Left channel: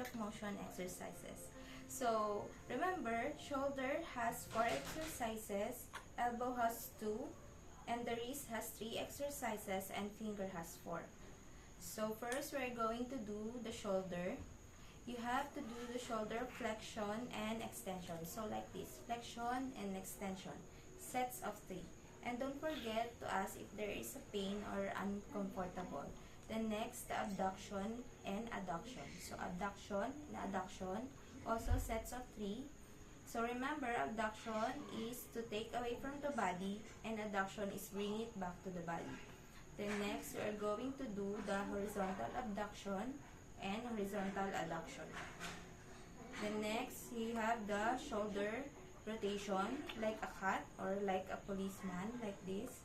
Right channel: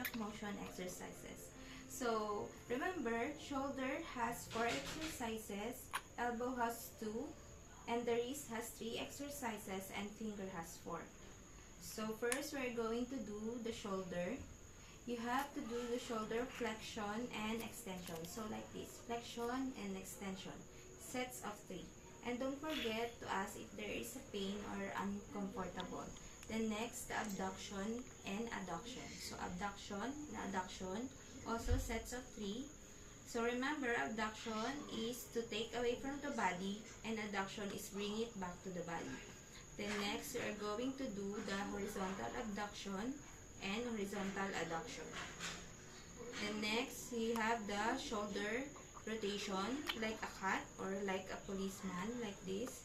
of motion exercises. So, remember, shoulder has 4 exercises, elbow has 2, and the wrist has 3 exercises, and finger has 4. So, first we're going to do the shoulder. You have to do the shoulder flexion and extension. So, like this, flexion and extension, sets of 3. And don't forget to ask if there is a pain or uncomfortable. Then next, the abduction and adduction. So, abduction and adduction, also sets of 3. So, remember, abduction is to take away from the body, and adduction is bring it back to the body. Then next, we are going to do the horizontal abduction and horizontal adduction. Then next, we have the shoulder rotation, like a cat or like a policeman, like this.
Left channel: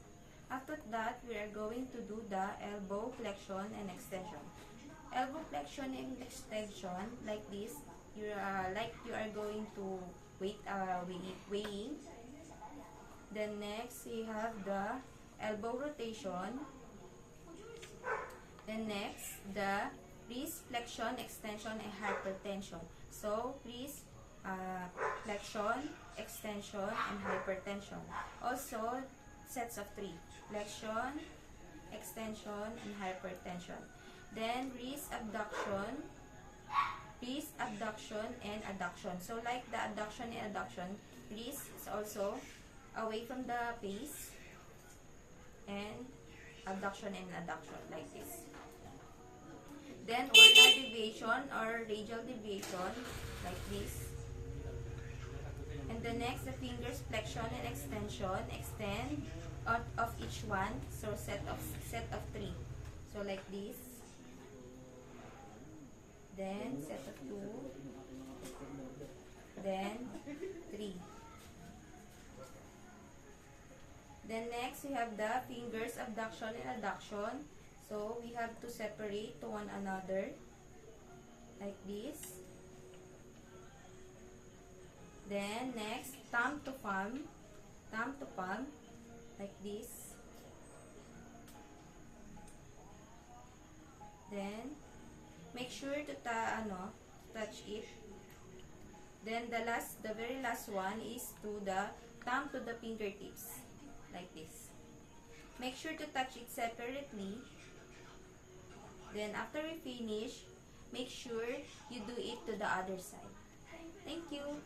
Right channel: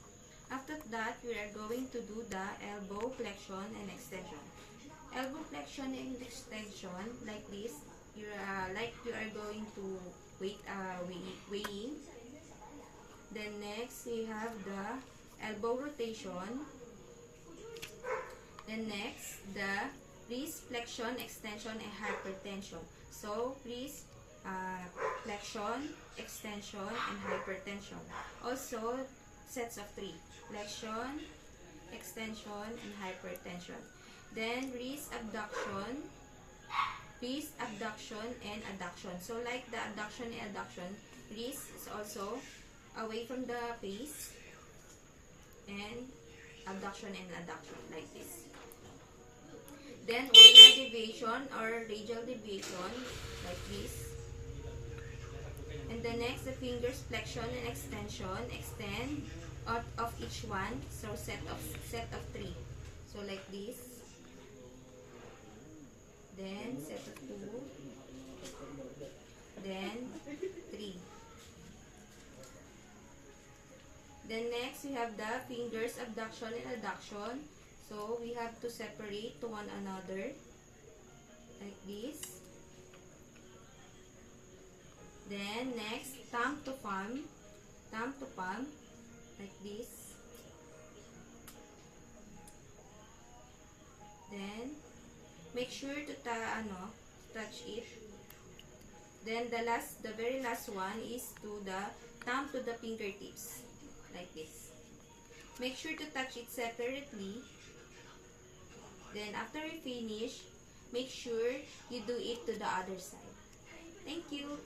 After that, we are going to do the elbow flexion and extension. Elbow flexion and extension, like this. You are going to weighing. Then next, we have the elbow rotation. Then next, the wrist flexion, extension, and hypertension. So, wrist flexion, extension, and hypertension. Also, sets of 3. Flexion, extension, and hypertension. Then, wrist abduction, and adduction. So, like the adduction and adduction, wrist is also away from the face, and abduction and adduction, like this. Then, ulnar deviation or radial deviation, like this. And the next, the fingers flexion and extension, extend out of each one. So, set of 3. So, like this. Then, set of 2. Then, 3. Then next, we have the fingers abduction and adduction. So, we have to separate to one another, like this. Then next, thumb to palm, like this. Then, make sure to touch it. Then the very last one is to the thumb to the fingertips, like this. Make sure to touch it separately. Then after we finish, make sure you do it to the other side. Thank you.